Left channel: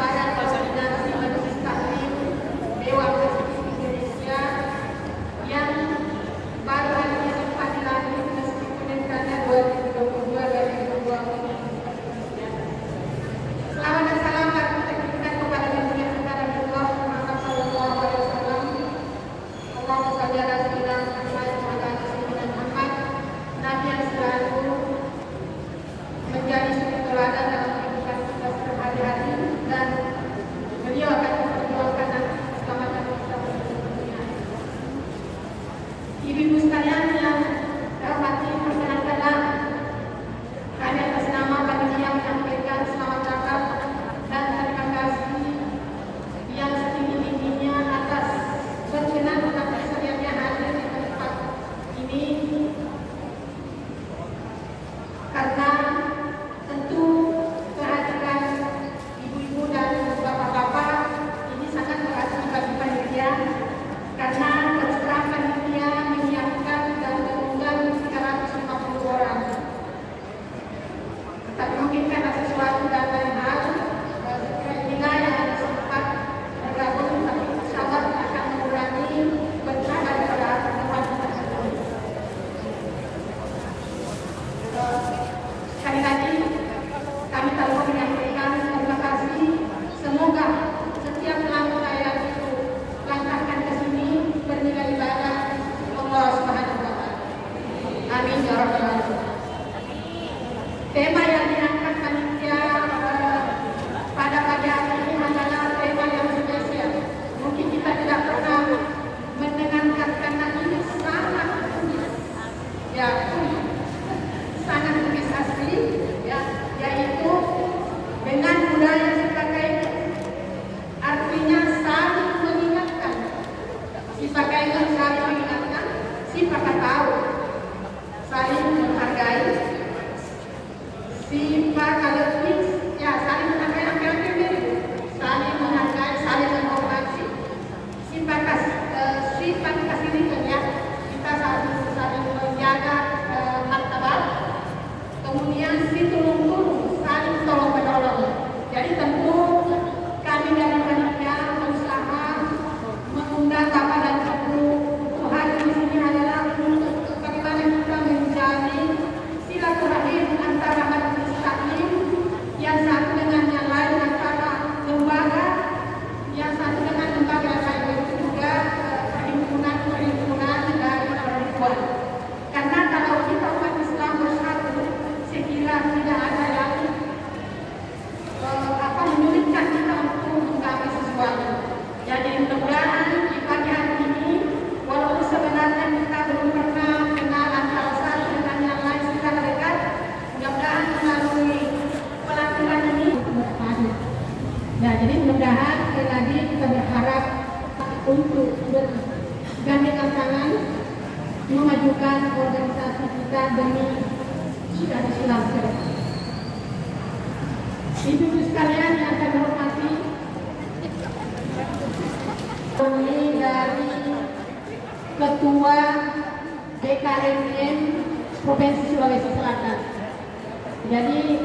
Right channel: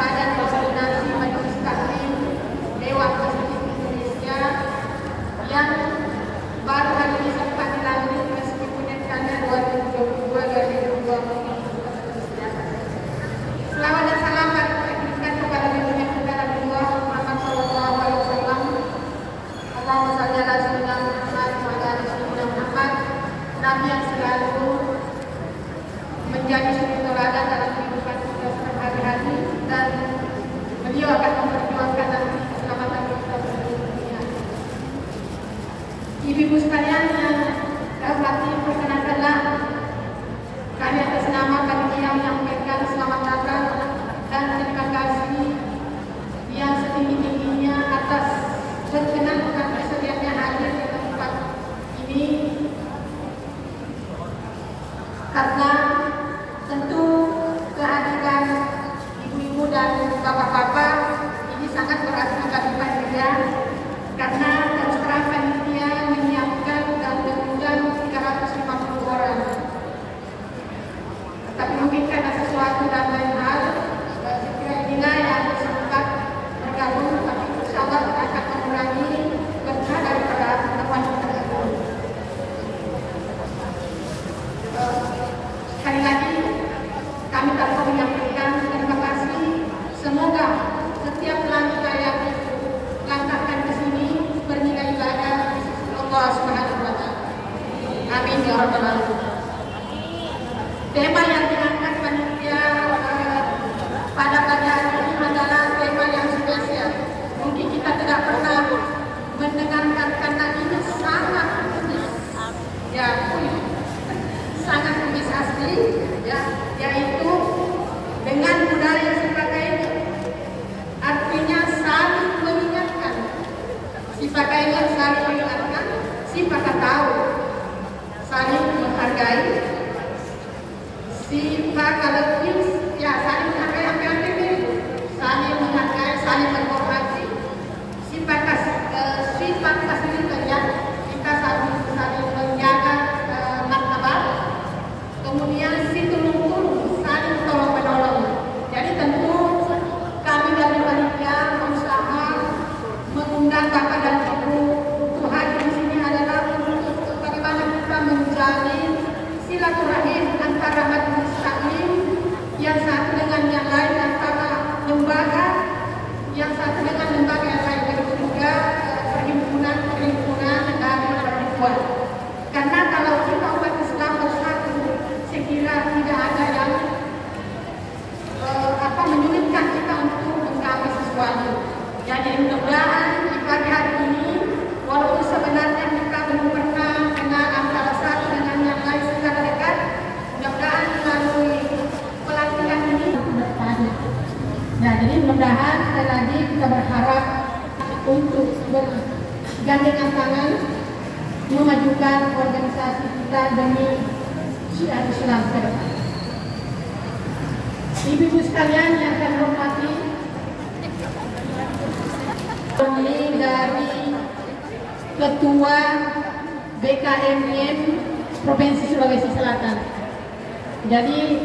Badan Koordinasi Majelis Taklim Dewan Masjid Indonesia yang baru hari ini sempat dilantik meskipun rencana 2022-2024. Selamat dan salam kita kepada Nabi kita Rasulullah Muhammad Sallallahu Alaihi Wasallam. Allahumma shalli ala sayyidina Muhammad wa ala ali sayyidina Muhammad. Nabi yang selalu menjadi suri teladan dalam kehidupan kita sehari-hari dan beliau akan memperjuangkan nanti keselamatan kita di dunia. Ibu-ibu sekalian yang saya hormati, perkenankanlah kami atas nama panitia menyampaikan selamat datang dan terima kasih yang setinggi-tingginya atas berkenan dan bersedianya hadir di tempat ini, karena tentu kehadiran ibu-ibu dan bapak-bapak ini sangat berarti bagi panitia, karena terus terang panitia menyiapkan dan mengundang 350 orang. Tetapi mungkin karena sesuatu dan lain hal, saya kira inilah yang sempat bergabung, tapi insya Allah akan mengurangi berkah daripada pertemuan kita hari ini. Sekali lagi kami telah menyampaikan terima kasih. Semoga setiap langkah yang langkahkan ke sini bernilai ibadah Allah Subhanahu wa Ta'ala. Amin ya rabbal alamin. Tema yang diangkat panitia pada pagi hari ini adalah tema yang spesial. Mungkin kita tidak pernah mendengarkan, karena ini sangat unik, ya, sangat unik asli, ya, yaitu dengan budaya sebagainya. Artinya saling mengingatkan, sebagainya saling mengingatkan, siapa tahu saling menghargai. Sifat kalau ya saling menghargai, apa-apa itu saling menghargai, saling menghormati. Sifat fasilitasnya kita saling menjaga martabat. Kemudian si tulung saling tolong menolong. Jadi tentu kami dari panitia berusaha mengundang Bapak dan Ibu untuk hadir di sini adalah untuk bagaimana kita menjalin silaturahim antara majelis taklim yang satu dengan yang lain, antara lembaga yang satu dengan lembaga yang lain, begitu juga perhimpunan dari perempuan. Karena kalau kita umat Islam bersatu, saya kira tidak ada yang menyulitkan kita untuk menggapai sesuatu. Jadi mudah-mudahan di pagi hari ini, walaupun sebenarnya kita belum pernah kenal antara satu dengan yang lain secara dekat, mudah-mudahan melalui pelatihan ini bertahan. Ya, jadi mudah-mudahan lagi kita berharap untuk bergandengan tangan memajukan organisasi kita demi Islam ke depan. Ibu-ibu sekalian yang saya hormati, ini dari Ketua BKMIM Provinsi Sulawesi Selatan. Jadi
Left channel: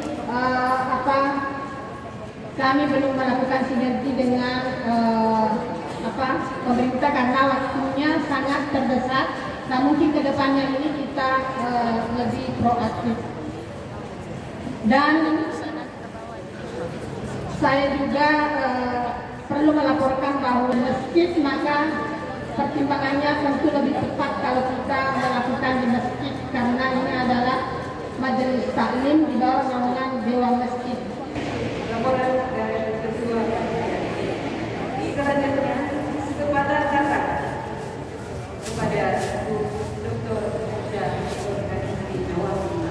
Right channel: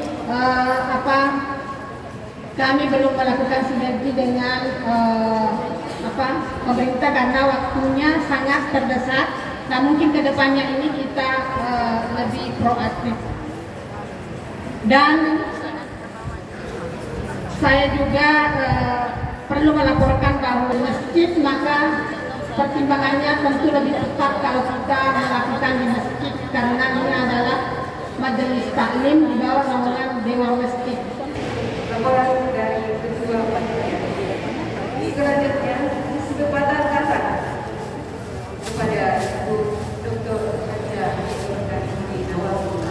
kami belum melakukan sinergi dengan pemerintah karena waktunya sangat terdesak. Nah, mungkin kedepannya ini kita lebih proaktif. Dan saya juga perlu melaporkan bahwa masjid, maka pertimbangannya tentu lebih tepat kalau kita melakukan di masjid, karena ini adalah majelis taklim di bawah naungan Dewan Masjid. Laporan dari Ketua Panitia. Selanjutnya, kesempatan kata kepada Bu Dr. Haja Nurganisri Nawawi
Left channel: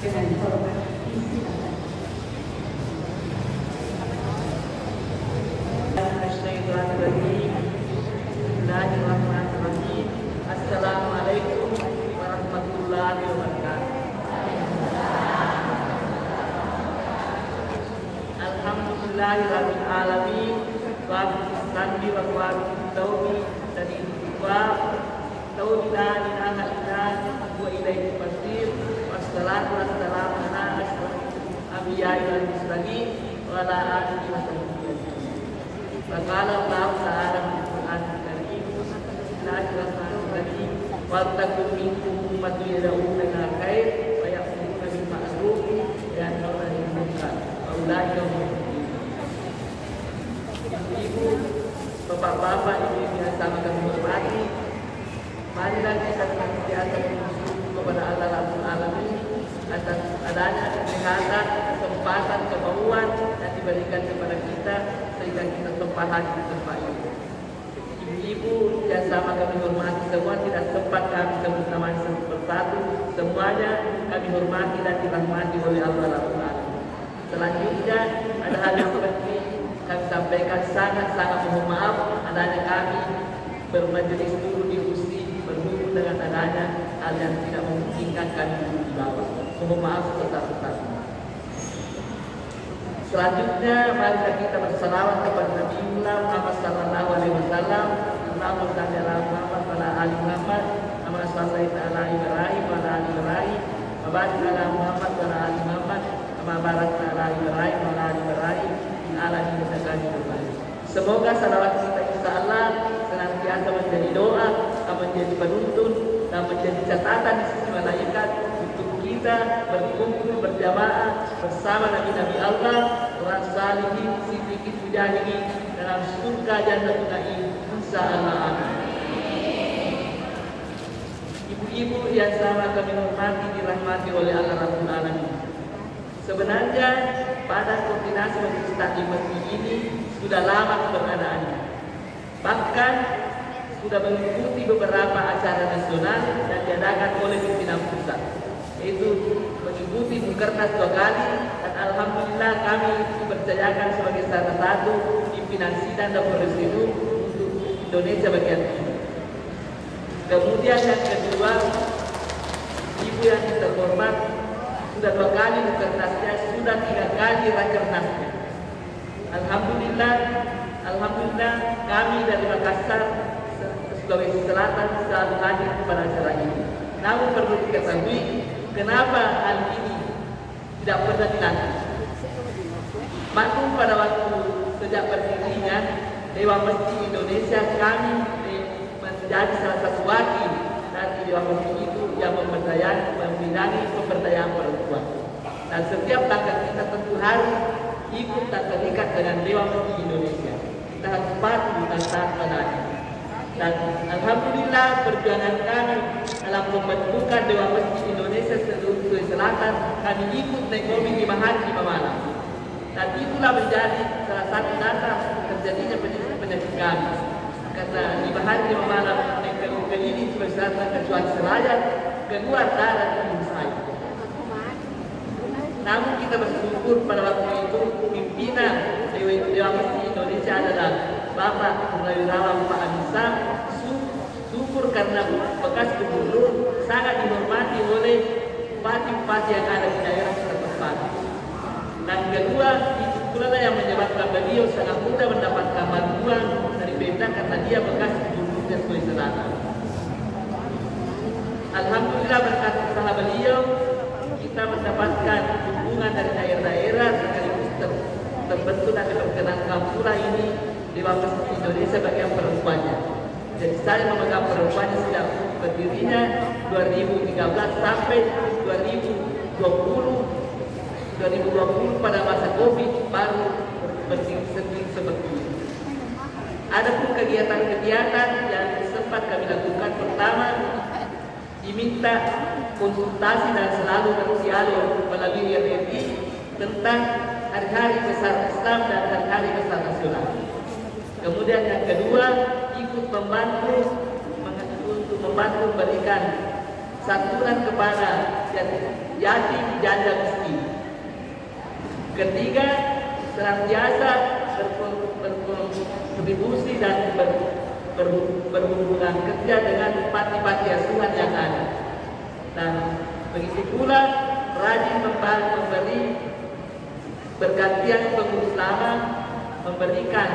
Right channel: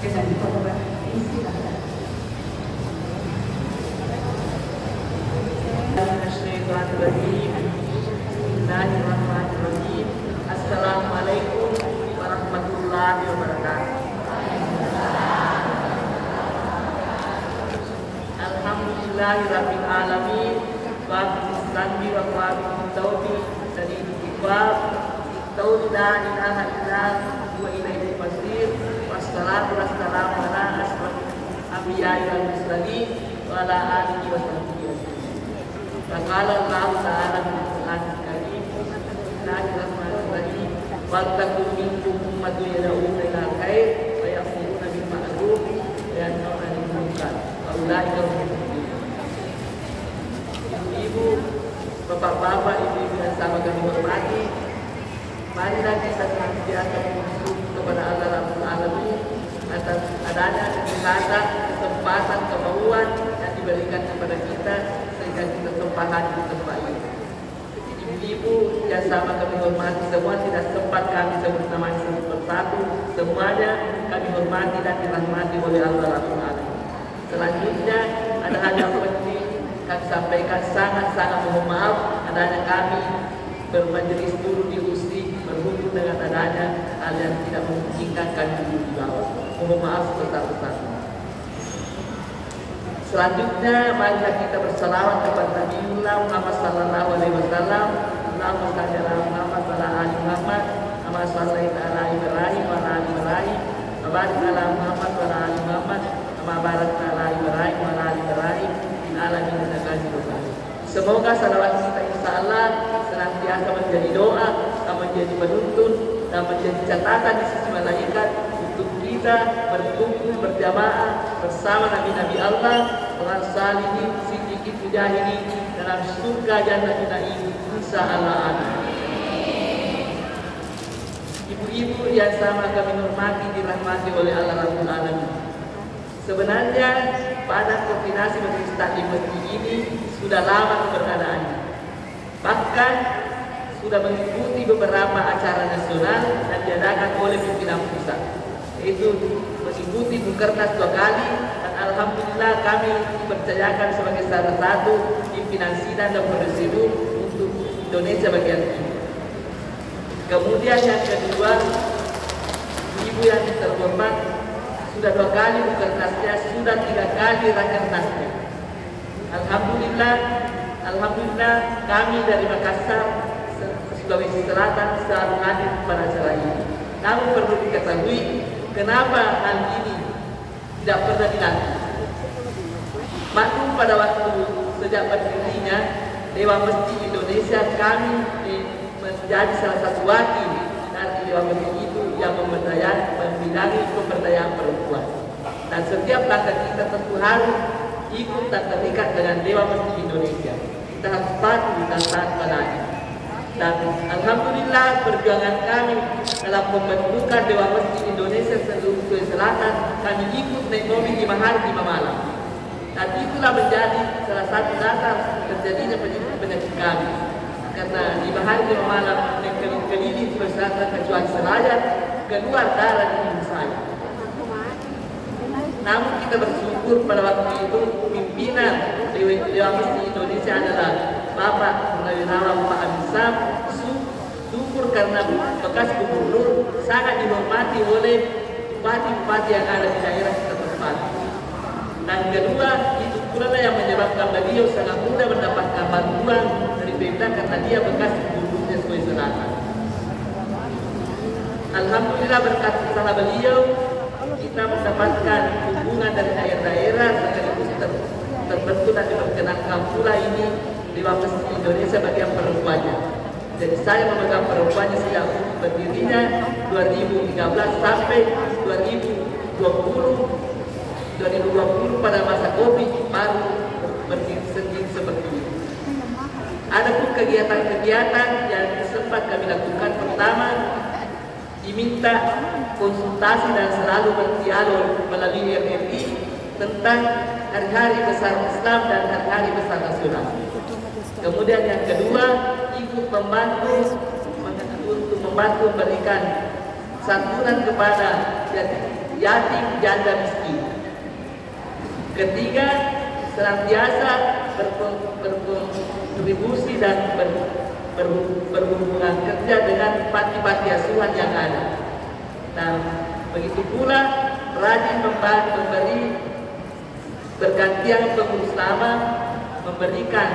dengan korban silakan. Assalamualaikum warahmatullahi wabarakatuh. Alhamdulillahirabbil alamin wa bihamdihi wa bihamdihi taufiq dan istighfar la ilaha illallah wa ilaihi masir. Wassalatu wassalamu ala asrofil anbiya'i wal mursalin wa وعلى آله وصحبه أجمعين. فقال الله تعالى في القرآن الكريم: بسم الله الرحمن الرحيم ولتكن منكم أمة يدعون إلى الخير ويأمرون بالمعروف وينهون عن المنكر وأولئك هم المفلحون. Ibu, bapak-bapak, ibu yang sama kami hormati, marilah kita senantiasa bersyukur kepada Allah Rabbul Alamin atas adanya kesempatan, kemauan yang diberikan kepada kita sehingga kita sempat di tempat ini. Ibu yang sama kami hormati semua, tidak sempat kami sebut namanya satu persatu, semuanya kami hormati dan dirahmati oleh Allah Rabbul Alamin. Selanjutnya ada hal yang penting kami sampaikan, sangat-sangat mohon maaf adanya kami bermajelis dulu di USI berhubung dengan adanya hal yang tidak memungkinkan kami duduk di bawah. Mohon maaf sebesar-besarnya. Selanjutnya mari kita berselawat kepada Nabi Muhammad sallallahu alaihi wasallam. Allahumma shalli ala Muhammad wa ala ali Muhammad kama shallaita ala Ibrahim wa ala ali Ibrahim wa barik ala Muhammad wa ala ali Muhammad kama barakta ala Ibrahim wa ala ali Ibrahim fil alamin innaka Hamidum Majid. Semoga salawat kita insyaallah senantiasa menjadi doa, menjadi penuntun dan menjadi catatan di sisi malaikat untuk kita berkumpul berjamaah bersama Nabi-Nabi Allah, orang salihin, siddiqin, mujahidin dalam surga jannatul na'im insyaallah. Ibu-ibu yang sama kami hormati dirahmati oleh Allah Rabbul Alamin. Sebenarnya pada koordinasi majelis taklim masjid ini sudah lama keberadaannya. Bahkan sudah mengikuti beberapa acara nasional dan diadakan oleh pimpinan pusat. Yaitu mengikuti Mukernas 2 kali dan alhamdulillah kami dipercayakan sebagai salah satu pimpinan sidang dan presidium untuk Indonesia bagian timur. Kemudian yang kedua, ibu yang terhormat sudah 2 kali Mukernasnya, sudah 3 kali Rakernasnya. Alhamdulillah kami dari Makassar, Sulawesi Selatan selalu hadir pada acara ini. Namun perlu diketahui kenapa hal ini tidak pernah dilatih. Maklum pada waktu sejak berdirinya Dewan Masjid Indonesia, kami menjadi salah satu wakil dari Dewan Masjid itu yang membidangi pemberdayaan perempuan. Dan setiap langkah kita tentu harus ikut dan terikat dengan Dewan Masjid Indonesia. Kita harus patuh dan taat padanya. Dan alhamdulillah perjuangan kami dalam pembentukan Dewan Masjid Indonesia seluruh Sulawesi Selatan, kami ikut naik mobil 5 hari 5 malam. Dan itulah menjadi salah satu dasar terjadinya penyakit kami. Karena 5 hari 5 malam naik keliling Sulawesi Selatan kecuali Seraya, keluar darah di tubuh saya. Namun kita bersyukur pada waktu itu pimpinan Dewan Masjid Indonesia adalah Bapak Purnawirawan Pak Abisam. Syukur karena bekas gubernur sangat dihormati oleh bupati-bupati yang ada di daerah setempat. Dan kedua, itu pula yang menyebabkan beliau sangat mudah mendapatkan bantuan dari Pemda karena dia bekas gubernur Sulawesi Selatan. Alhamdulillah berkat usaha beliau kita mendapatkan dukungan dari daerah-daerah sekaligus terbentuk dan diperkenankan pula ini Dewan Masjid Indonesia bagian perempuannya. Jadi saya memegang perempuannya sejak berdirinya 2013 sampai 2020 pada masa Covid baru berdiri sendiri seperti ini. Ada pun kegiatan-kegiatan yang sempat kami lakukan. Pertama, diminta konsultasi dan selalu berdialog melalui RRI tentang hari-hari besar Islam dan hari-hari besar nasional. Kemudian yang kedua, ikut membantu memberikan santunan kepada yatim, janda, miskin. Ketiga, senantiasa berkontribusi dan berhubungan kerja dengan panti-panti asuhan yang ada. Dan begitu pula rajin memberi bergantian pengurus lama memberikan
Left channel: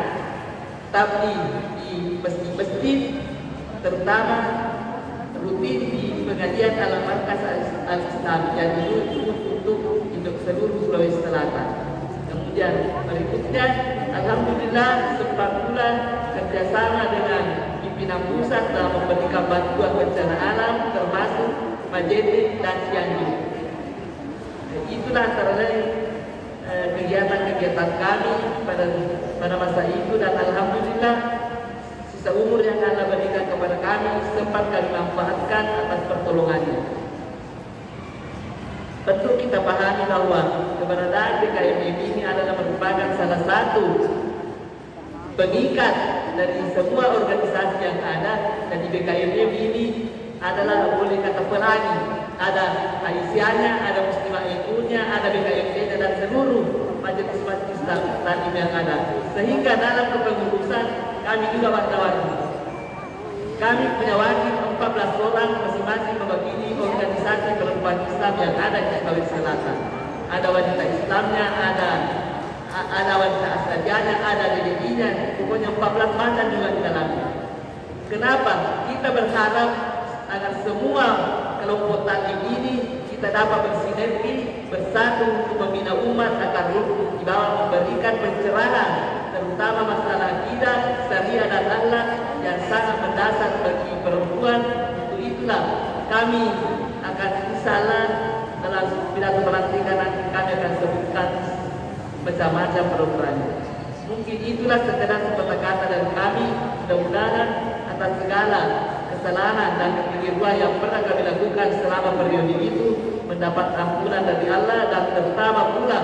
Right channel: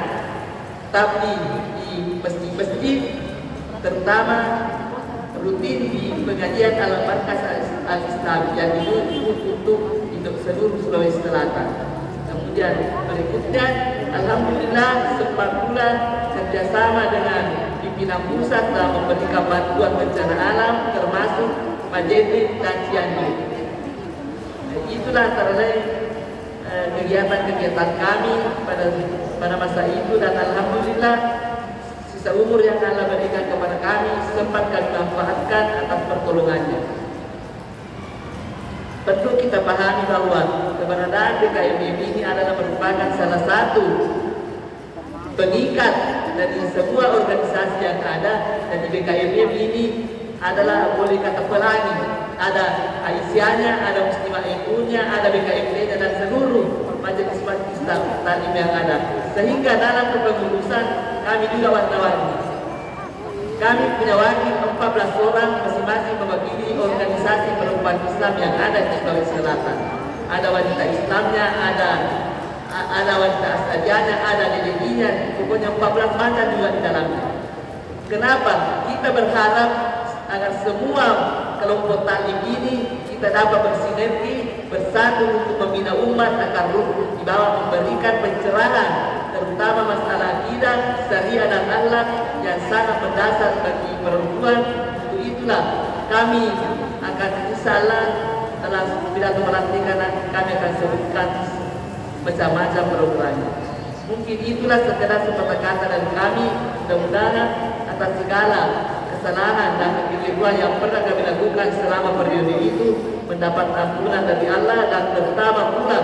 tabligh di masjid-masjid, terutama rutin di pengajian Alam Markas Al-Islam yang untuk seluruh Sulawesi Selatan. Kemudian Kemudian berikutnya, alhamdulillah sempat pula kerjasama dengan pimpinan pusat dalam memberikan bantuan bencana alam termasuk Majene dan Cianjur. Itulah antara lain kegiatan-kegiatan kami pada masa itu, dan alhamdulillah sisa umur yang Allah berikan kepada kami sempat kami manfaatkan atas pertolongannya. Tentu kita pahami bahwa keberadaan BKMB ini adalah merupakan salah satu pengikat dari semua organisasi yang ada, dan di BKMB ini adalah boleh kata pelangi, ada Aisyahnya, ada Muslimah NU-nya, ada BKMB dan seluruh majelis-majelis taklim yang ada. Sehingga dalam kepengurusan kami juga wartawan. Kami punya wakil 14 orang masing-masing mewakili organisasi perempuan Islam yang ada di Sulawesi Selatan. Ada wanita Islamnya, ada wanita Asadianya, ada DDI-nya, pokoknya 14 macam juga di dalamnya. Kenapa? Kita berharap agar semua kelompok taklim ini kita dapat bersinergi bersatu untuk membina umat agar di bawah memberikan pencerahan terutama masalah akidah, syariah dan akhlak yang sangat mendasar bagi perempuan. Untuk itulah kami akan insyaallah dalam pidato pelantikan kami akan sebutkan macam-macam programnya. Mungkin itulah sekedar sepatah kata dari kami. Mudah-mudahan atas segala kesalahan dan kekeliruan yang pernah kami lakukan selama periode itu mendapat ampunan dari Allah, dan terutama pula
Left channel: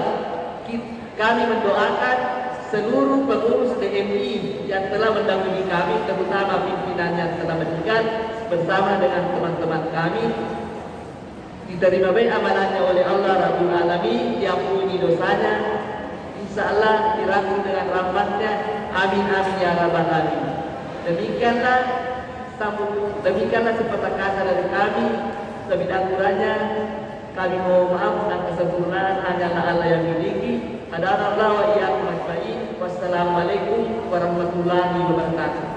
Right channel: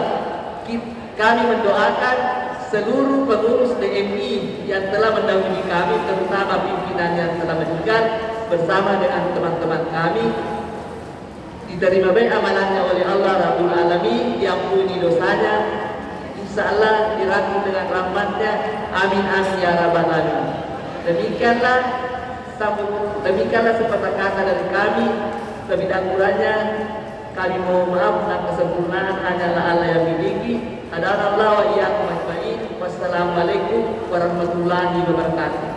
kami mendoakan seluruh pengurus DMI yang telah mendahului kami, terutama pimpinan yang telah meninggal, bersama dengan teman-teman kami, diterima baik amalannya oleh Allah Rabbul Alamin, diampuni dosanya, insyaallah dirangkul dengan rahmatnya, amin amin ya rabbal alamin. Demikianlah sepatah kata dari kami. Lebih kurangnya kami mohon maaf, dan kesempurnaan hanyalah Allah yang miliki. Hadanallahu wa iyyakum ajmain. Wassalamualaikum warahmatullahi wabarakatuh.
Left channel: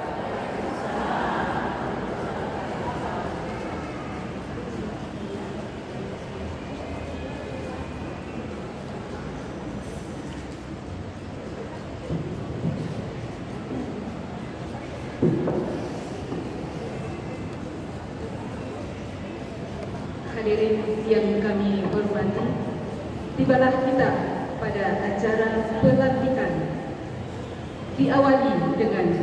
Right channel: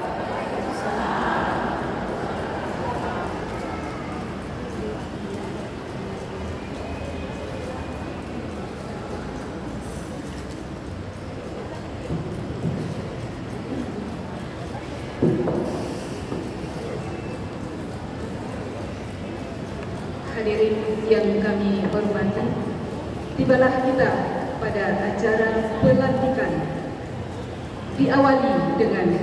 Hadirin yang kami hormati, tibalah kita pada acara pelantikan. Diawali dengan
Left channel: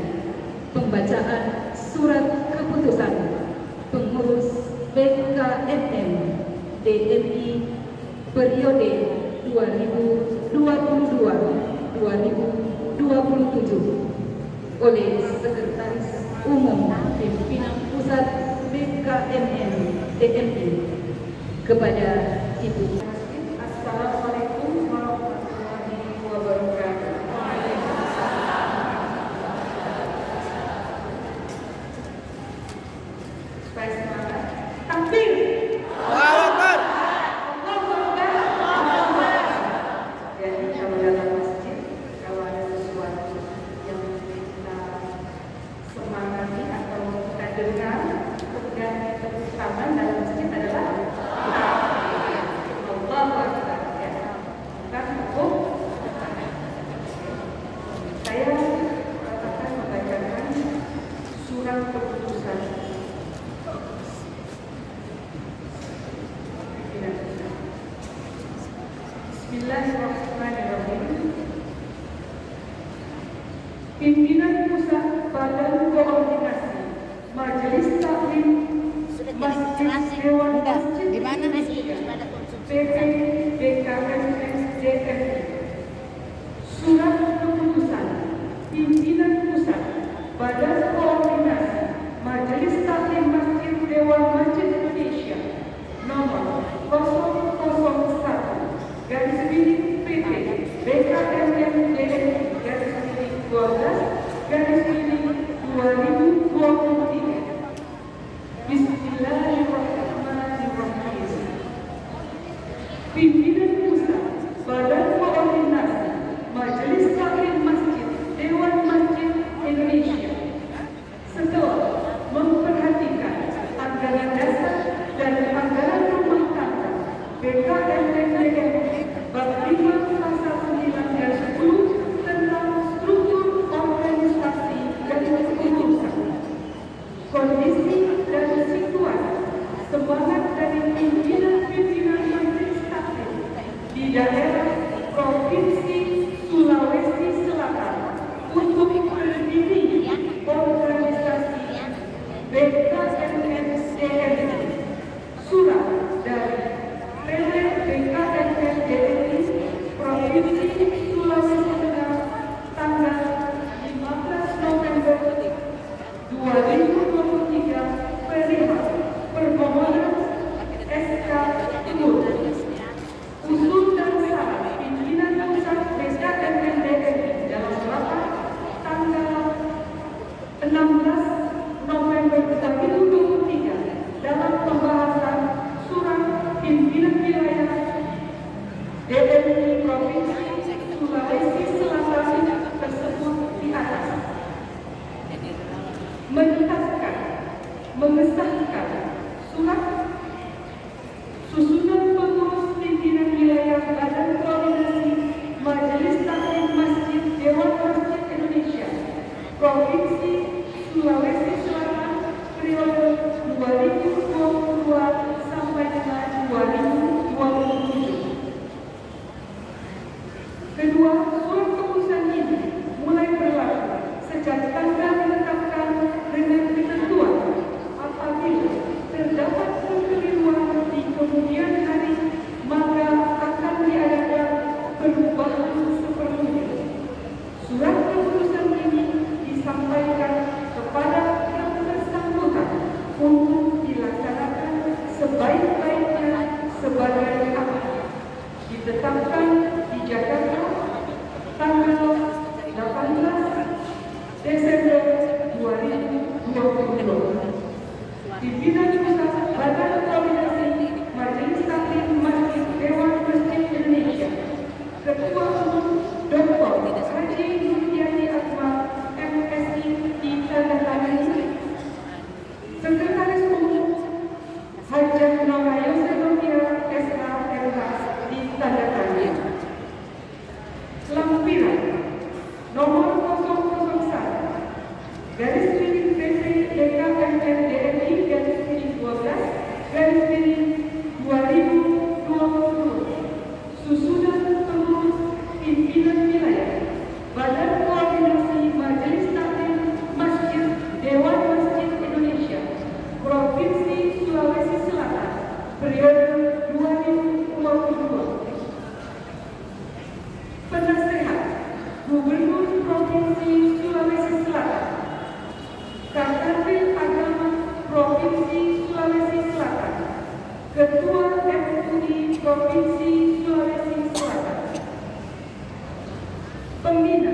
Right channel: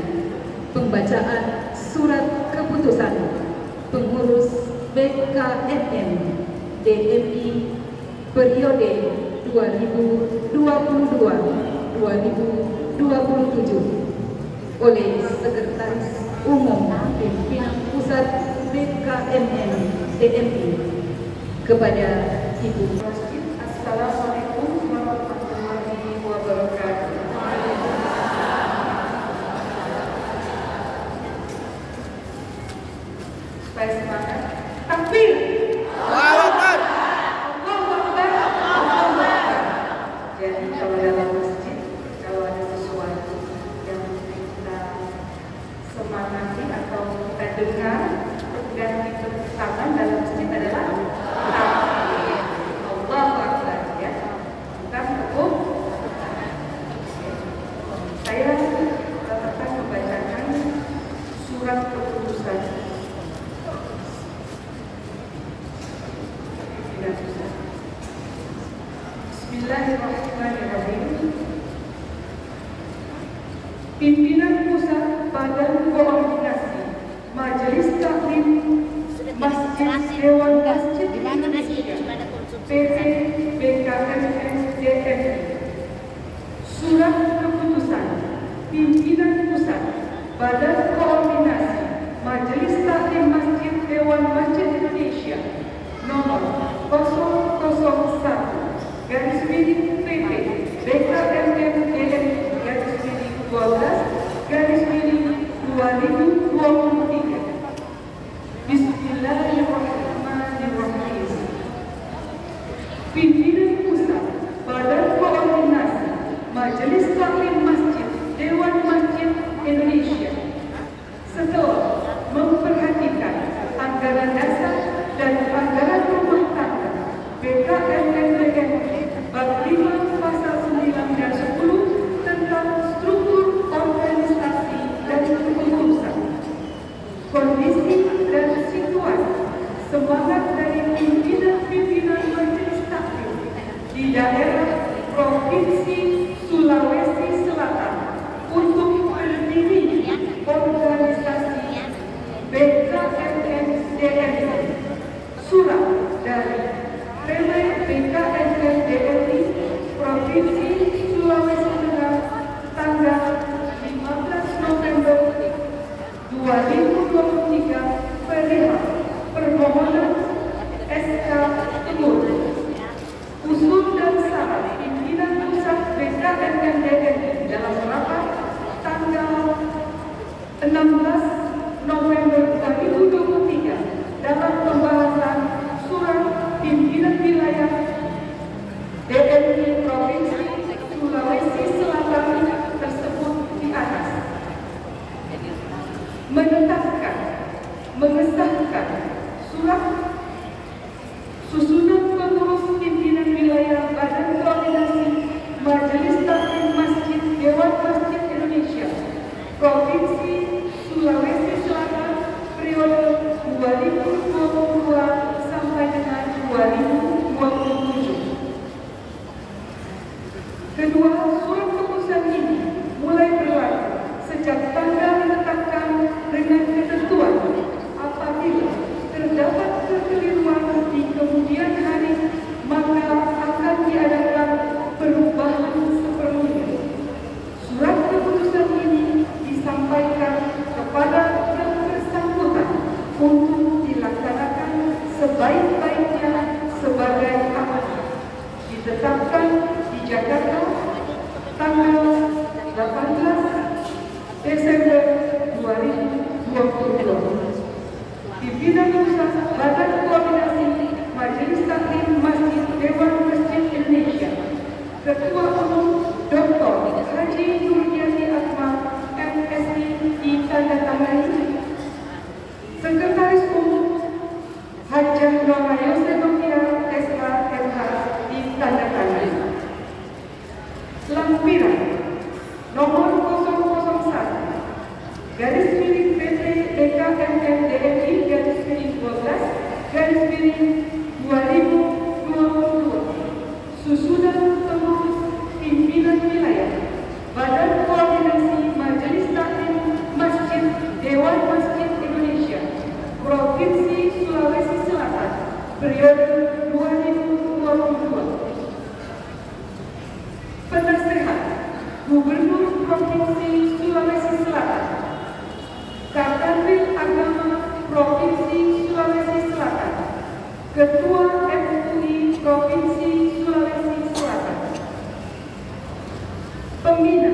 pembacaan surat keputusan pengurus BKMM DMI periode 2022-2027 oleh Sekretaris Umum Pimpinan Pusat BKMM DMI kepada Ibu. Assalamualaikum warahmatullahi wabarakatuh. Supaya semangat, takbir. Allahu Akbar. Allahu Akbar. Allahu Akbar. Jadi kalau dalam masjid, kalau ada sesuatu yang kita semangati atau kita dengar dan ditepuk tangan dalam masjid adalah takbir. Allahu Akbar, ya. Bukan tepuk tangan. Saya akan membacakan surat keputusan Bismillahirrahmanirrahim. Pimpinan Pusat Badan Koordinasi Majelis Taklim Masjid Dewan Masjid Indonesia PT BKMM DMI. Surat keputusan Pimpinan Pusat Badan Koordinasi Majelis Taklim Masjid Dewan Masjid Indonesia nomor 001 garis miring PT BKMM DMI garis miring 12 garis miring 2023. Bismillahirrahmanirrahim. Pimpinan Pusat Badan Koordinasi Majelis Taklim Masjid Dewan Masjid Indonesia setelah memperhatikan anggaran dasar dan anggaran rumah tangga BKMM DMI bab 5 pasal 9 dan 10 16 November 2023 dalam pembahasan Surat Pimpinan Wilayah DMI Provinsi Sulawesi Selatan tersebut di atas menetapkan, mengesahkan surat susunan pengurus pimpinan wilayah Badan Koordinasi Majelis Taklim Masjid Dewan Masjid Indonesia Provinsi Sulawesi Selatan periode 2022 sampai dengan 2027. Kedua, surat keputusan ini mulai berlaku sejak tanggal ditetapkan dengan ketentuan apabila terdapat kekeliruan di kemudian hari maka akan diadakan perubahan seperlunya. Surat keputusan ini disampaikan kepada yang bersangkutan untuk dilaksanakan sebaik-baiknya sebagai amanah. Ditetapkan di Jakarta tanggal 18 Desember 2022. Pimpinan Pusat Badan Koordinasi Majelis Taklim Masjid Dewan Masjid Indonesia Ketua Umum Dr. Haji Nurjati Asma MSI ditandatangani. Sekretaris Umum Hajah Nora Yosefia SH MH ditandatangani. Lampiran nomor 001 garis miring PT DKMM DMI garis miring 12 garis miring 2022 susunan pengurus pimpinan wilayah Badan Koordinasi Majelis Taklim Masjid Dewan Masjid Indonesia Provinsi Sulawesi Selatan periode 2022. Penasehat Gubernur Provinsi Sulawesi Selatan, Kadranil Agama Provinsi Sulawesi Selatan, Ketua MUI Provinsi Sulawesi Selatan, Pembina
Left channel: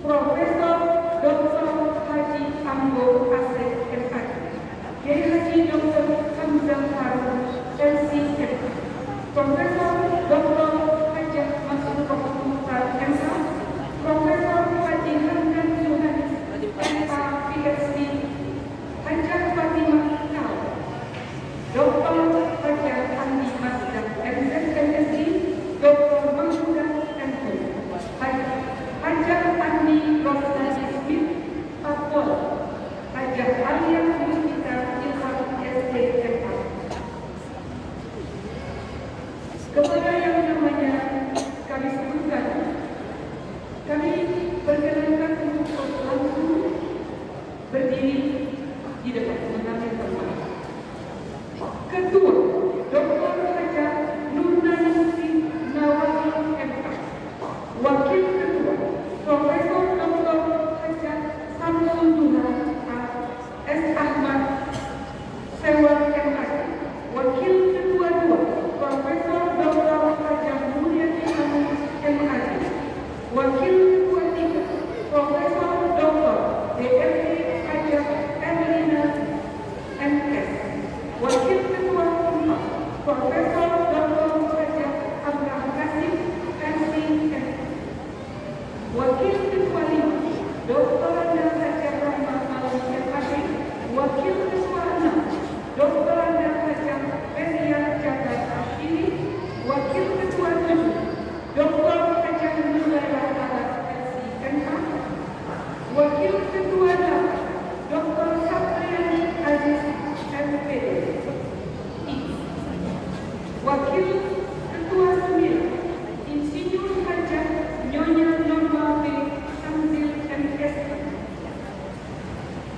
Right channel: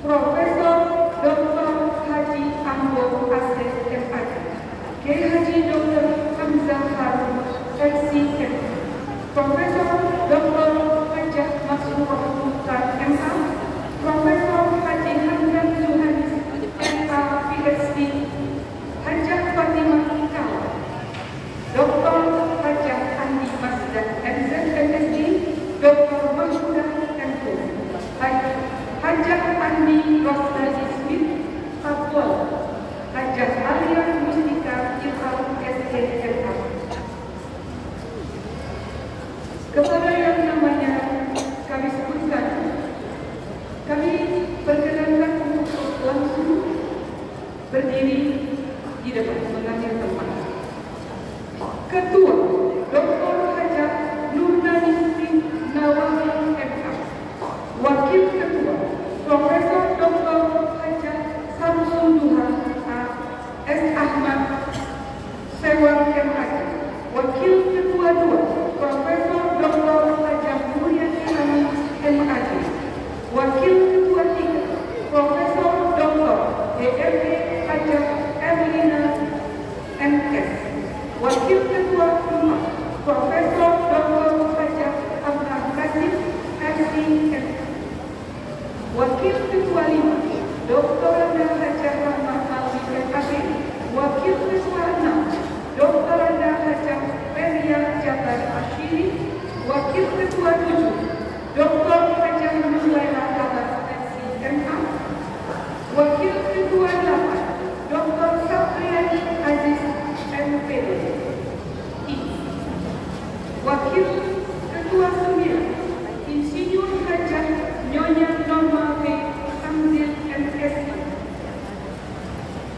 Profesor Dr. Haji Ambo Asep MAD, Kiai Haji Dr. Hamzah Harun LC Profesor Dr. Hajah Masrurah Mukhtar MA, Profesor Haji Hamdan Zuhanis MA PhD, Hajah Fatimah Kau, Dr. Hajah Andi Masdah MZ MSD, Dr. Mahmudah MO, Hajah Andi Rosnadi Smith Papua, Hajah Alia Mustika Ilham SDMA. Kepada yang namanya kami sebutkan, kami perkenankan untuk langsung berdiri di depan mengambil tempat. Ketua Dr. Hajah Nurnaningsih Nawawi MK, Wakil Ketua Profesor Dr. Hajah Samsuduha S. Ahmad Sewan MAD, Wakil Ketua 2 Profesor Dr. Hajah Mulyani Amin MAD, Wakil Ketua 3 Profesor Dr. DRD Hajah Erlina MS, Wakil Ketua 4 Profesor Dr. Hajah Abraham Kasih SCM, Wakil Ketua 5 Dr. Hajah Rahma Alwi MAD, Wakil Ketua 6 Dr. Hajah Feria Jabar Ashiri, Wakil Ketua 7 Dr. Hajah Nurlaila Abbas SCMA, Wakil Ketua 8 Dr. Sapriani Aziz MPD I, Wakil Ketua 9 Insinyur Hajah Nyonya Norma B. Amzil MSI,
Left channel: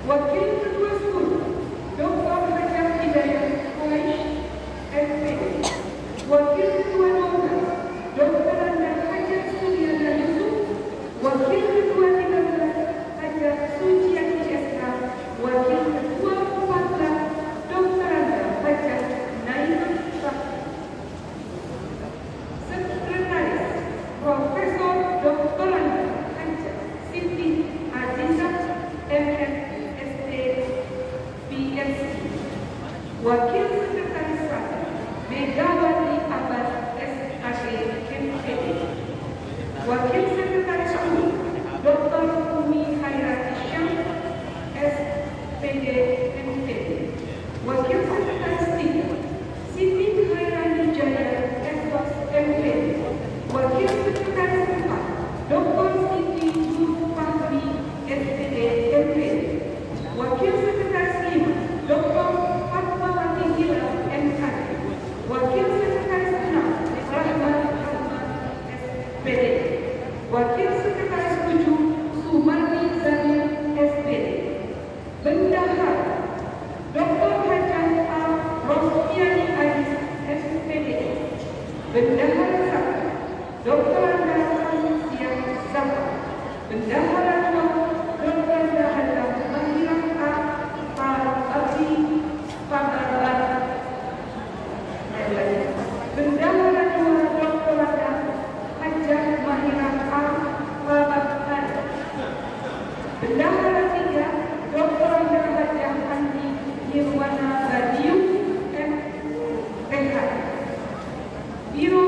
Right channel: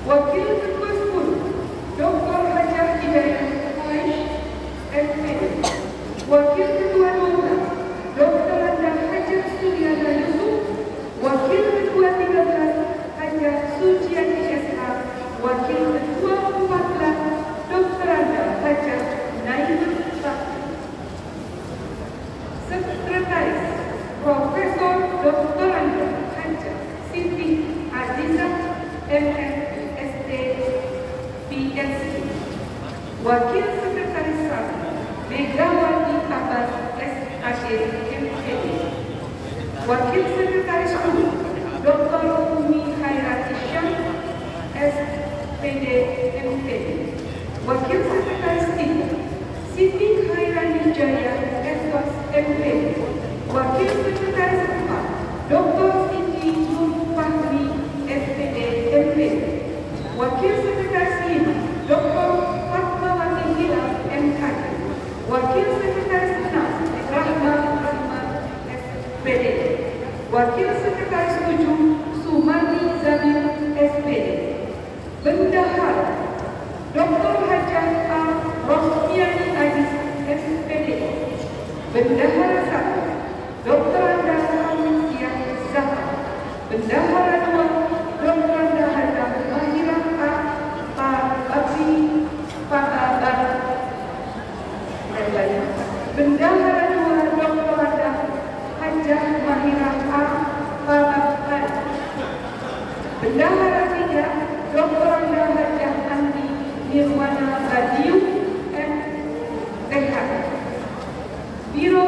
Wakil Ketua 10 Dr. Hajah Hidayah Quraish SPD, Wakil Ketua 12 Dr. Hajah Suryana Yusuf, Wakil Ketua 13 Hajah Suciati SH, Wakil Ketua 14 Dr. Hajah Naim Sakti, Sekretaris Profesor Dr. Hajah Siti Azizah MS SC. Wakil Sekretaris 1 Megawati Abbas SAD MPD. Wakil Sekretaris 2 Dr. Umi Hairati Syam SPD MPD. Wakil Sekretaris 3 Siti Hairani Jaya SOS MPD. Wakil Sekretaris 4 Dr. Siti Nur Fahmi SPD MPD. Wakil Sekretaris 5 Dr. Fatmawati Hilal MKD. Wakil Sekretaris 6 Rahman SPD. Wakil Sekretaris 7 Sumani Zamil SPD. Bendahara Dr. Hajah A. Rosmiani Aziz SPD. Bendahara 1 Dr. Anda Manusia Zahra. Bendahara 2 Dr. Anda Hajah Mahira A. Abi Pagabar. Bendahara 2 Dr. Anda Hajah Mahira A. Pagabar. Bendahara 3 Dr. Anda Hajah Andi Nirwana Badiu MPH. Biro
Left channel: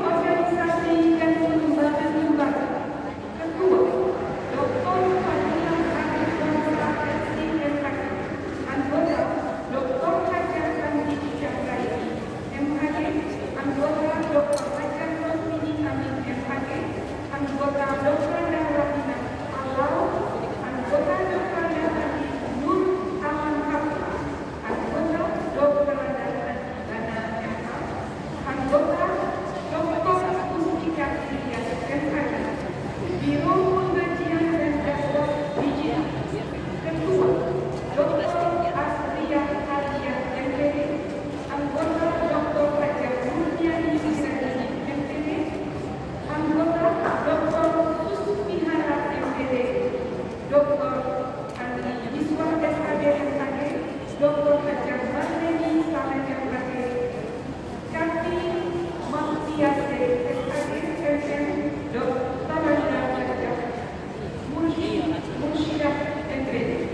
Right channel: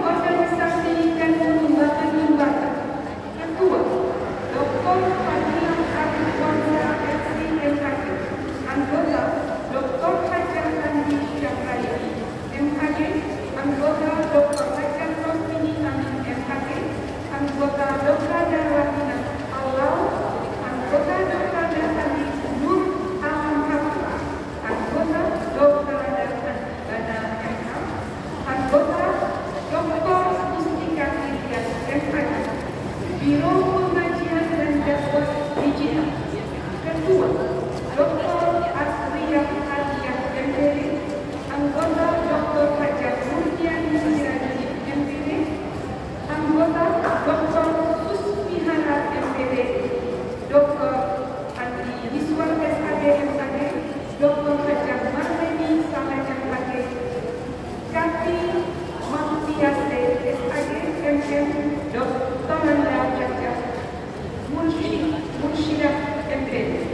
Organisasi dan Lembaga-Lembaga. Ketua Dr. Fadila Arif Wansa SCMHK. Anggota Dr. Hajah Andi Syahraya MHK. Anggota Dr. Hajah Rosmini Amin MHK. Anggota Dr. Rahina Alau. Anggota Dr. Andi Nur Alam Hafiz. Anggota Dr. Dana MH. Anggota Dr. Mustika Ilyas MHK. Biro Pengajian dan Dakwah Digital. Ketua Dr. Asriyah Aliyah MPD. Anggota Dr. Hajah Murniani Sirani MPD. Anggota Dr. Susmihara MPD. Dr. Andi Iswar SAD MKD. Dr. Hajah Marleni Salah MKD. Kati Mamtiase SAD MM. Dr. Anda Hajah Mursyidah MPD.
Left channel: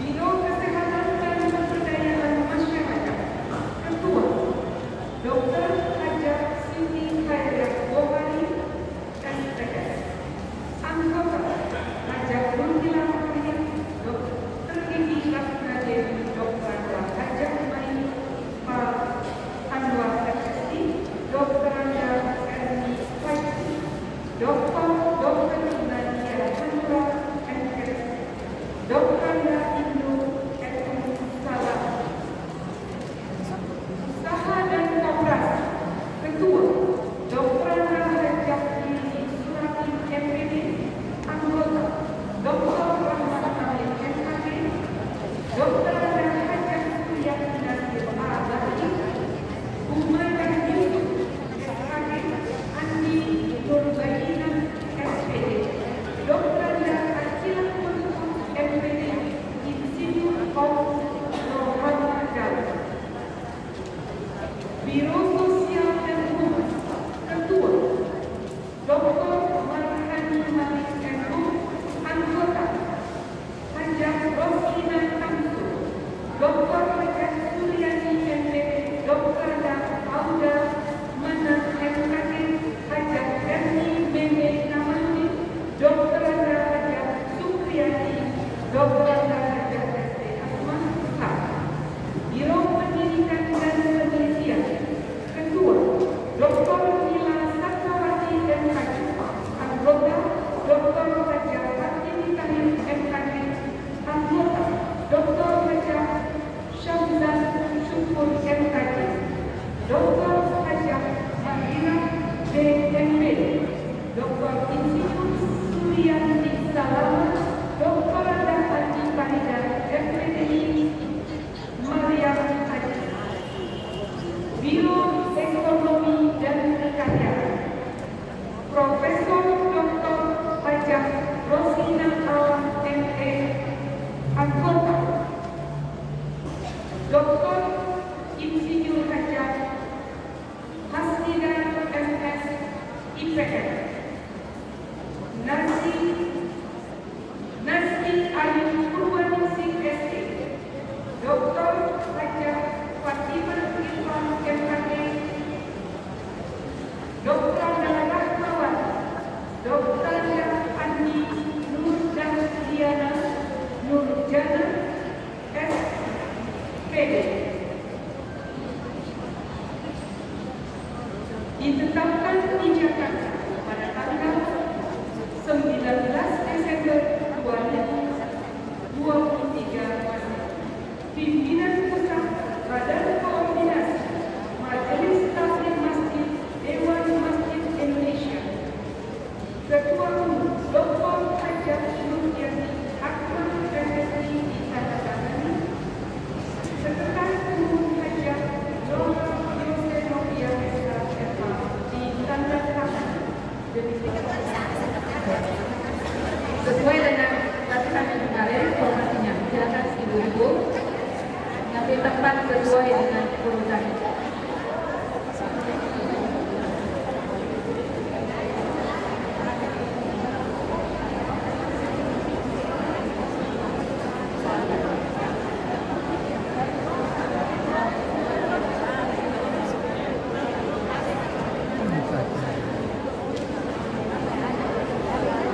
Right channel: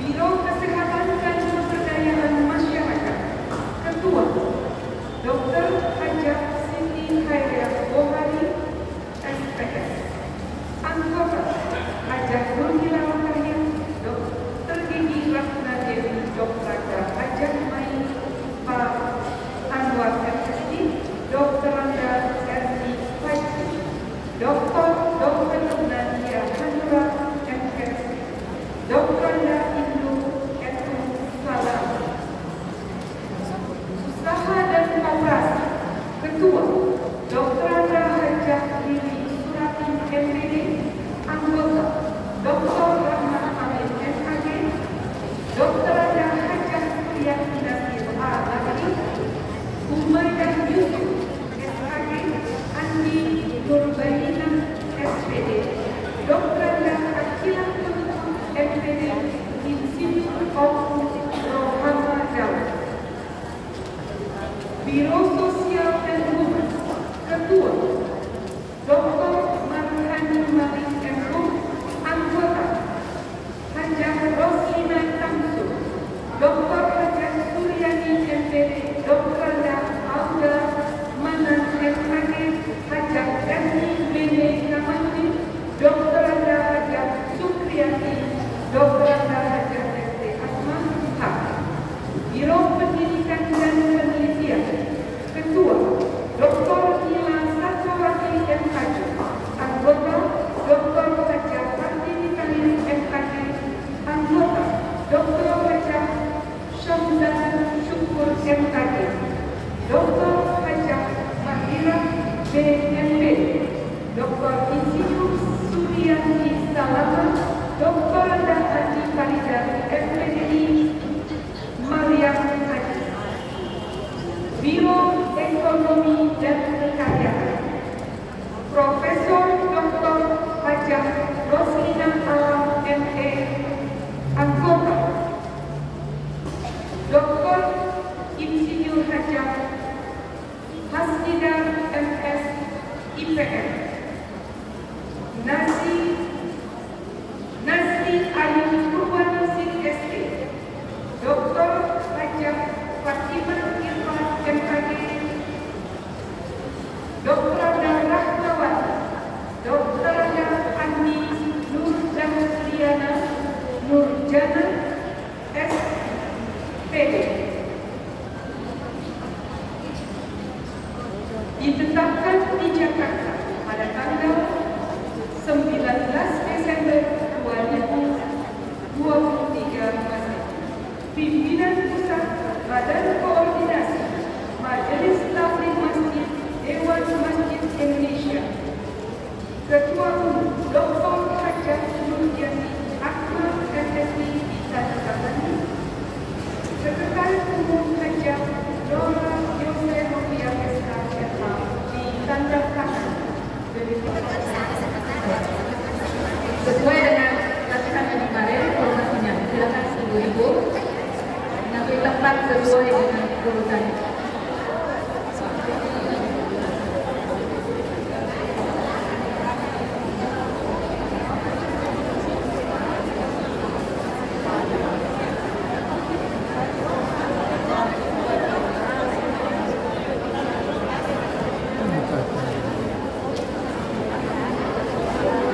Biro Kesehatan dan Pemberdayaan Masyarakat. Ketua Dr. Hajah Siti Khairiyah Bohari SPS. Anggota Hajah Nurhilal Kahya, Dr. Gigi Ratna Dewi, Dr. Hajah Mai Pak Anwar FSD, Dr. Anda Erni Faisi, Dr. Nadia Handra MS, Dr. Anda Indu Etum Salam. Usaha dan Koperasi. Ketua Dr. Anda Hajah Giri Surati MPD. Anggota Dr. Rahmat Hamid MHK. Dr. Anda Hajah Suryati Nasir A. Bakri. Umaidah Yusuf SHG. Andi Nurbaina SPD. Dr. Anda Akilah MPD. Institute of Rohama Daud. Biro Sosial dan Humas. Ketua Dr. Marhani Malik MHum. Anggota Hajah Roslina Tamsu. Dr. Hajah Suryani MPD. Dr. Anda Auda Manan MHK. Hajah Erni Meme Kamaludin. Dr. Anda Hajah Sukriyati. Dr. Anda Hajah SD Asma Haq. Biro Pendidikan dan Penelitian. Ketua Dr. Nila Satyawati MHK. Anggota Dr. Hajah Hartini Tahir MHK. Anggota Dr. Hajah Syamzan Syukur MHK. Dr. Hajah Mahira BMB. Dr. Insinyur Suryani Salaman. Dr. Anda Andi Farida FPDI Mariam Haji. Biro Ekonomi dan Kekayaan. Profesor Dr. Hajah Roslina Alam ME. Anggota Dr. Insinyur Hajah Hasnidar MS IPM. Nasi Ayu Purwani Dr. Hajah Fatimah Irfan MKG, Dr. Rahmawati, Dr. Ani Nurjana Nurjana SPD. Ditetapkan di Jakarta pada tanggal 19 Desember 2023 pimpinan pusat Badan Koordinasi Majelis Tabligh Masjid Dewan Masjid Indonesia, Ketua Umum Dr. Hajah Nurjani Akmal MSI ditandatangani, Sekretaris Umum Hajah Nora Yose Novia SHFH ditandatangani. Sesuai dengan latihan yang kemarin, informasinya silakan ibu-ibu ngambil tempat sesuai dengan urutannya.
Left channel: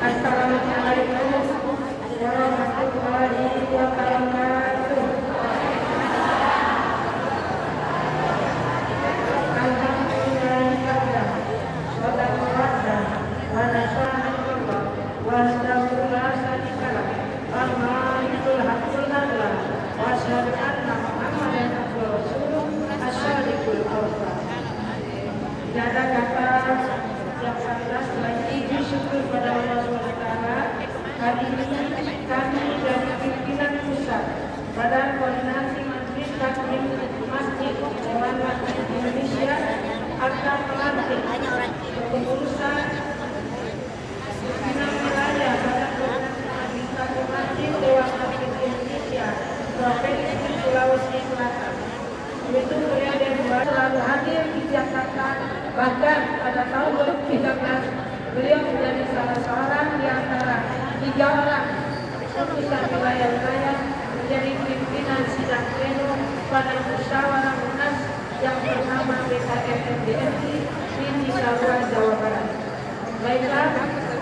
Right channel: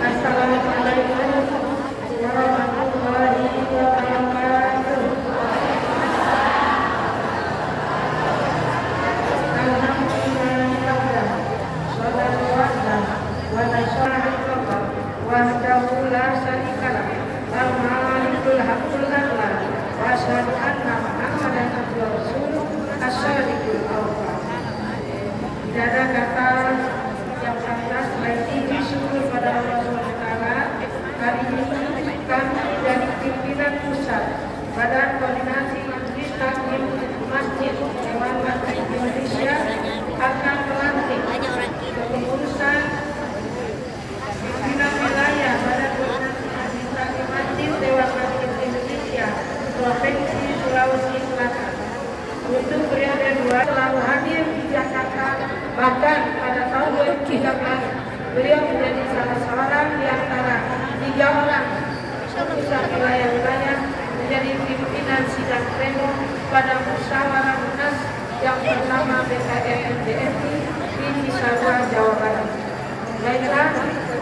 Assalamualaikum warahmatullahi wabarakatuh. Alhamdulillah, sholatu wa nasyarakat wahdahu la syarikalah, al-malikul haqqul a'la, wa asyhadu anna Muhammadan abduhu wa rasuluh, as-shadiqul awwal. Tidak ada kata yang pantas selain puji syukur pada Allah SWT. Hari ini kami dari pimpinan pusat Badan Koordinasi Majelis Tabligh Masjid Dewan Masjid Indonesia akan melantik kepengurusan pimpinan wilayah Badan Koordinasi Majelis Tabligh Masjid Dewan Masjid Indonesia Provinsi Sulawesi Selatan. Itu periode 2 selalu hadir di Jakarta. Bahkan pada tahun 2013 beliau menjadi salah seorang di antara 3 orang pimpinan wilayah-wilayah menjadi pimpinan sidang pleno pada musyawarah munas yang bernama BKMDMI di Cisarua, Jawa Barat. Baiklah,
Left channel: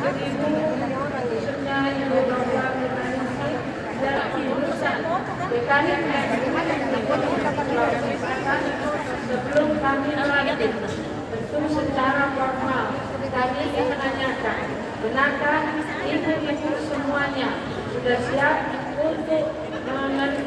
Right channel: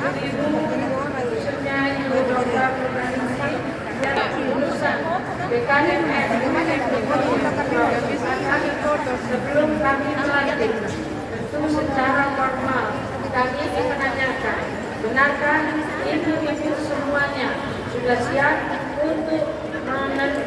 Ibu khususnya Ibu Dr. Nurjani dan pengurusan BKMDMI di Sulawesi Selatan, sebelum kami melantik, tentu secara formal kami ingin menanyakan, benarkah ibu-ibu semuanya sudah siap untuk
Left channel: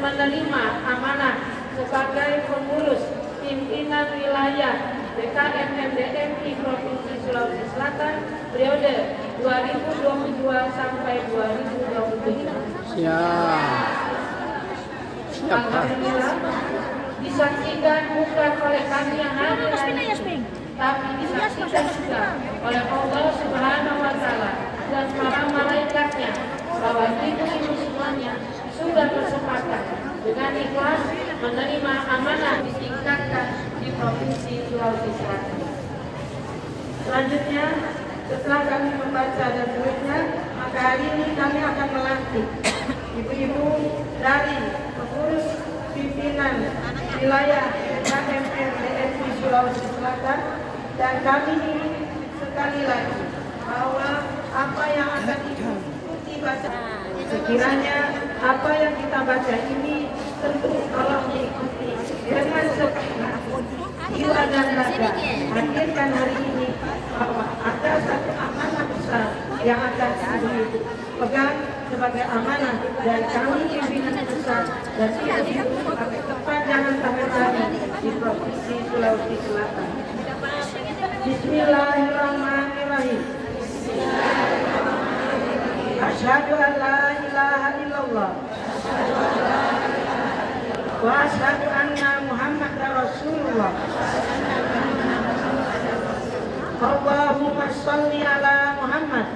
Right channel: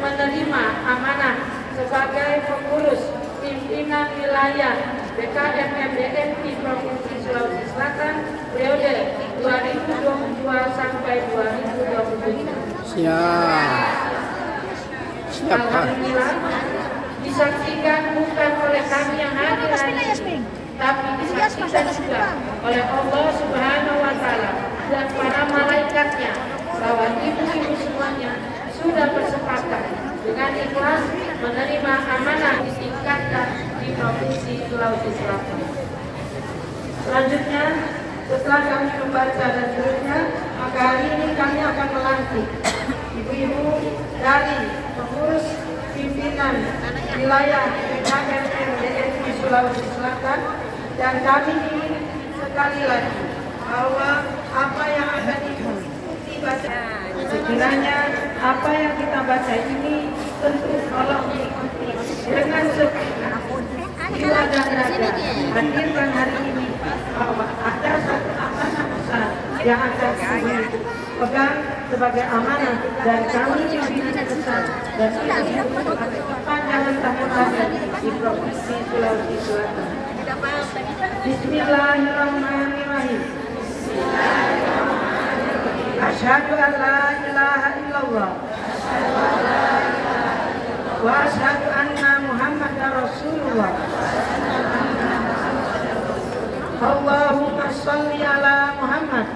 menerima amanah sebagai pengurus pimpinan wilayah BKMDMI Provinsi Sulawesi Selatan periode 2022 sampai 2027? Siap, Pak. Disaksikan bukan oleh kami yang hadir, tapi disaksikan juga oleh Allah Subhanahu wa Ta'ala dan para malaikatnya bahwa ibu-ibu semuanya sudah bersepakat dengan ikhlas menerima amanah ditingkatkan di Provinsi Sulawesi Selatan. Selanjutnya, setelah kami membaca dan seterusnya, maka hari ini kami akan melantik ibu-ibu dari pengurus pimpinan wilayah BKMDMI Sulawesi Selatan, dan kami ingin sekali lagi bahwa apa yang akan diikuti baca, sekiranya apa yang kita baca ini tentu kalau diikuti dengan jiwa dan raga hadirkan hari ini, bahwa ada satu amanah besar yang akan kami pegang sebagai amanah, dan kami pimpinan besar dan kita jangan takut di Provinsi Sulawesi Selatan. Bismillahirrahmanirrahim. Asyhadu an la ilaha illallah wa asyhadu anna Muhammadar Rasulullah. Allahumma sholli ala Muhammad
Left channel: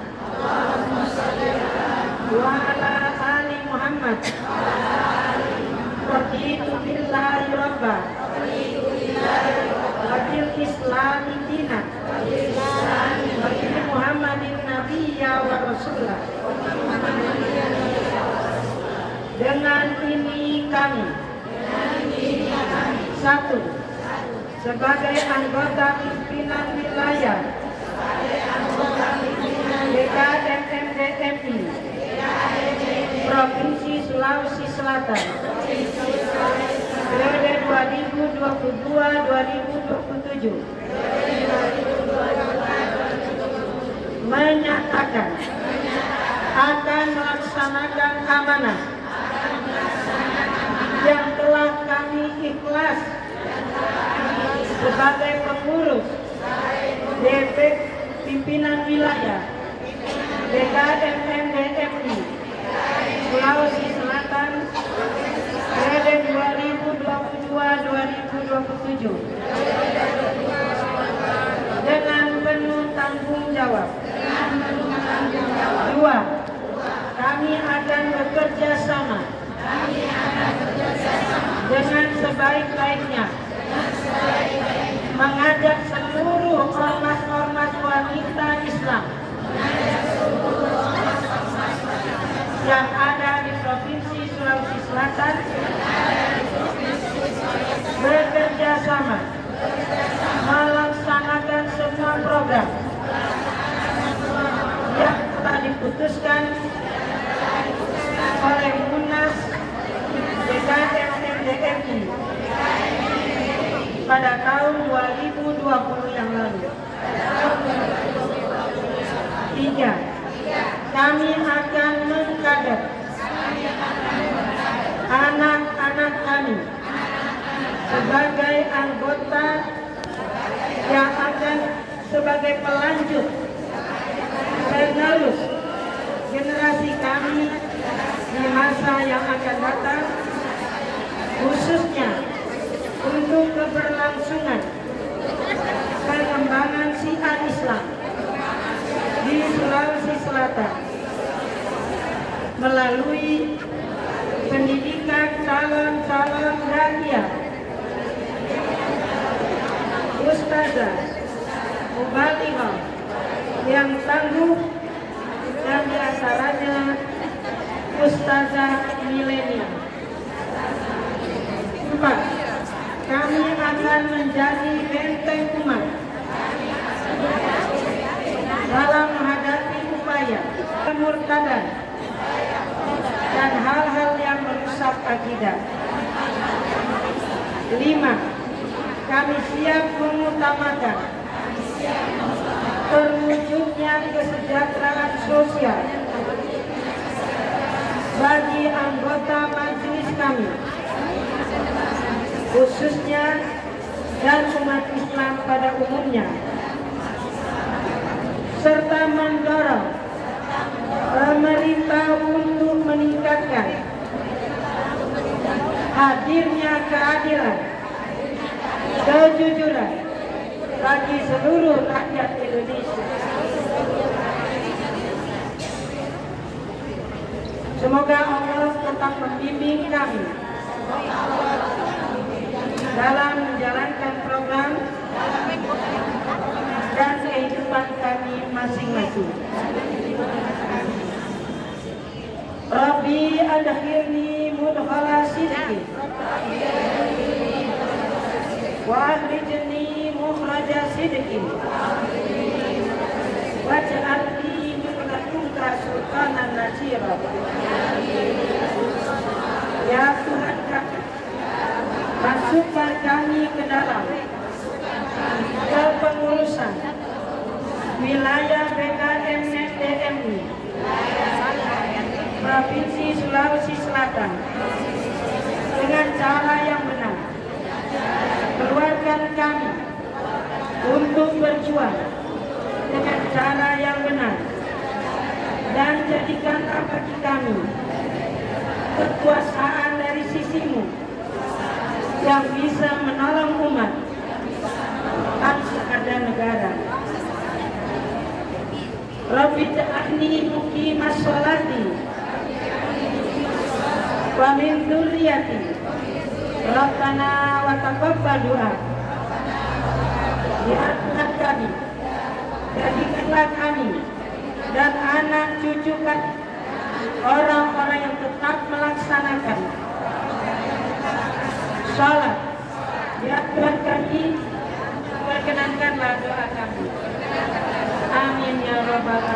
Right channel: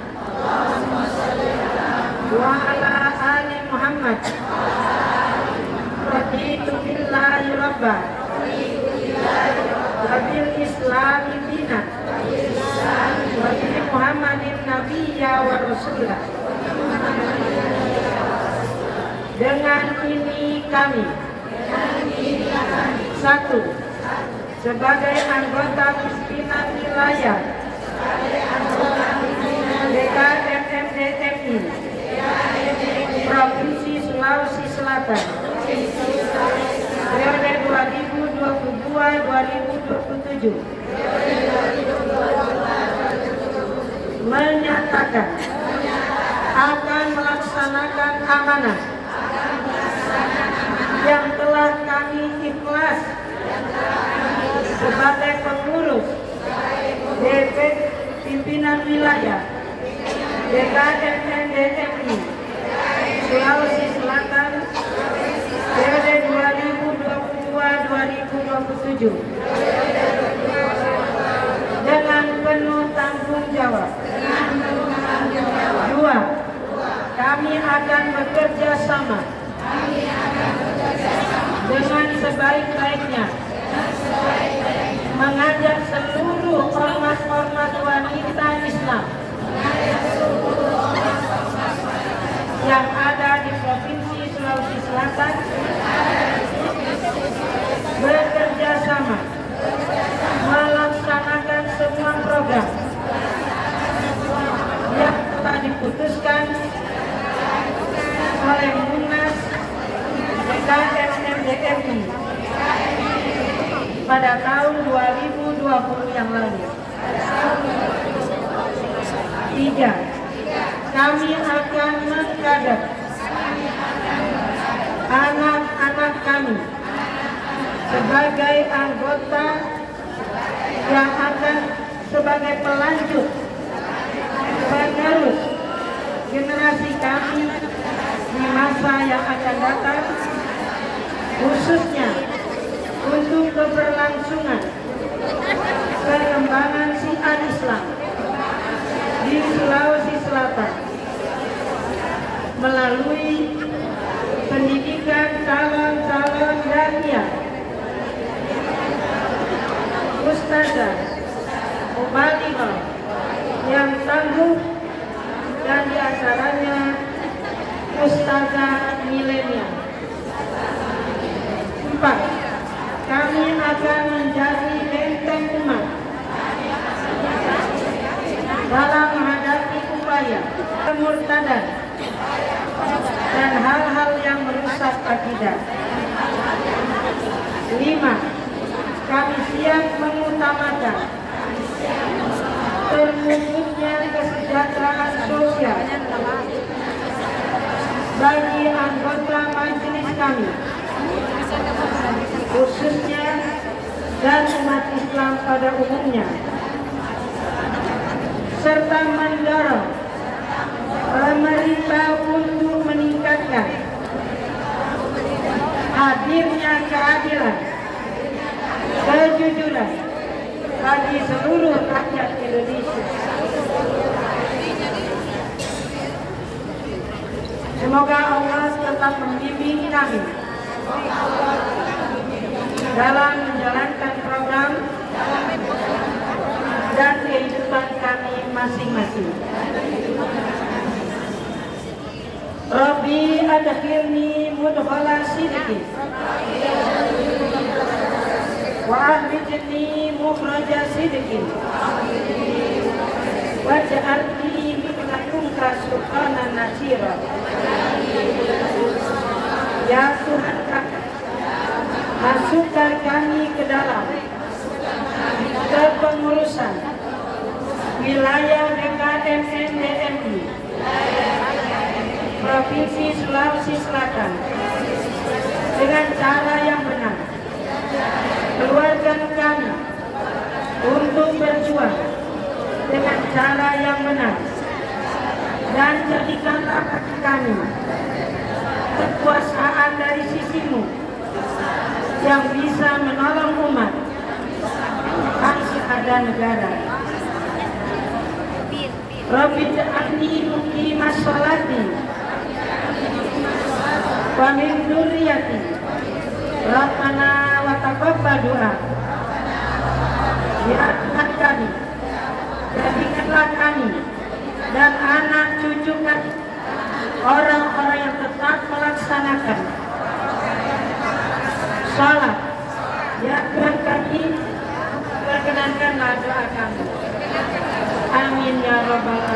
wa ala ali Muhammad. Raditu billahi rabban wa bil islami dinan wa bi Muhammadin nabiyya wa rasulah. Dengan ini kami Satu, sebagai anggota pimpinan wilayah DKMMDMI Provinsi Sulawesi Selatan periode 2022-2027 menyatakan akan melaksanakan amanah yang telah kami ikhlas sebagai pengurus DP pimpinan wilayah DKMMDMI Sulawesi Selatan periode 2022-2027 dengan penuh tanggung jawab. Dua, kami akan bekerja sama dengan sebaik-baiknya mengajak seluruh ormas-ormas wanita Islam yang ada di Provinsi Sulawesi Selatan bekerja sama melaksanakan semua program yang telah diputuskan oleh Munas DKMMDMI pada tahun 2020 yang lalu. Tiga, kami akan mengkader anak-anak kami sebagai anggota yang akan sebagai pelanjut penerus generasi kami di masa yang akan datang, khususnya untuk keberlangsungan pengembangan syiar Islam di Sulawesi Selatan melalui pendidikan calon-calon daiyah, ustazah, mubalighah yang tangguh, dan diantaranya ustazah milenial. 4. Kami akan menjadi benteng umat dalam menghadapi upaya kemurtadan dan hal-hal yang merusak akidah. 5. Kami siap mengutamakan terwujudnya kesejahteraan sosial bagi anggota majelis kami, khususnya dan umat Islam pada umumnya, serta mendorong pemerintah untuk meningkatkan hadirnya keadilan, kejujuran bagi seluruh rakyat Indonesia. Semoga Allah tetap membimbing kami dalam menjalankan program dan kehidupan kami masing-masing. Rabbi adkhilni mudkhala sidqin wa akhrijni mukhraja sidqin waj'alni min ladunka sultanan nasira. Ya Tuhan kami, masukkan kami ke dalam kepengurusan wilayah DKMMDMI Provinsi Sulawesi Selatan dengan cara yang benar. Keluarkan kami untuk berjuang dengan cara yang benar, dan jadikanlah bagi kami kekuasaan dari sisimu yang bisa menolong umat, bangsa dan negara. Rabbi ja'alni muqimas sholati wa min dzurriyyati Rabbana wa taqabbal du'a. Ya Tuhan kami, jadikanlah kami dan anak cucu kami orang-orang yang tetap melaksanakan salat Ya Tuhan kami, perkenankanlah doa kami. Amin ya Rabbal Alamin.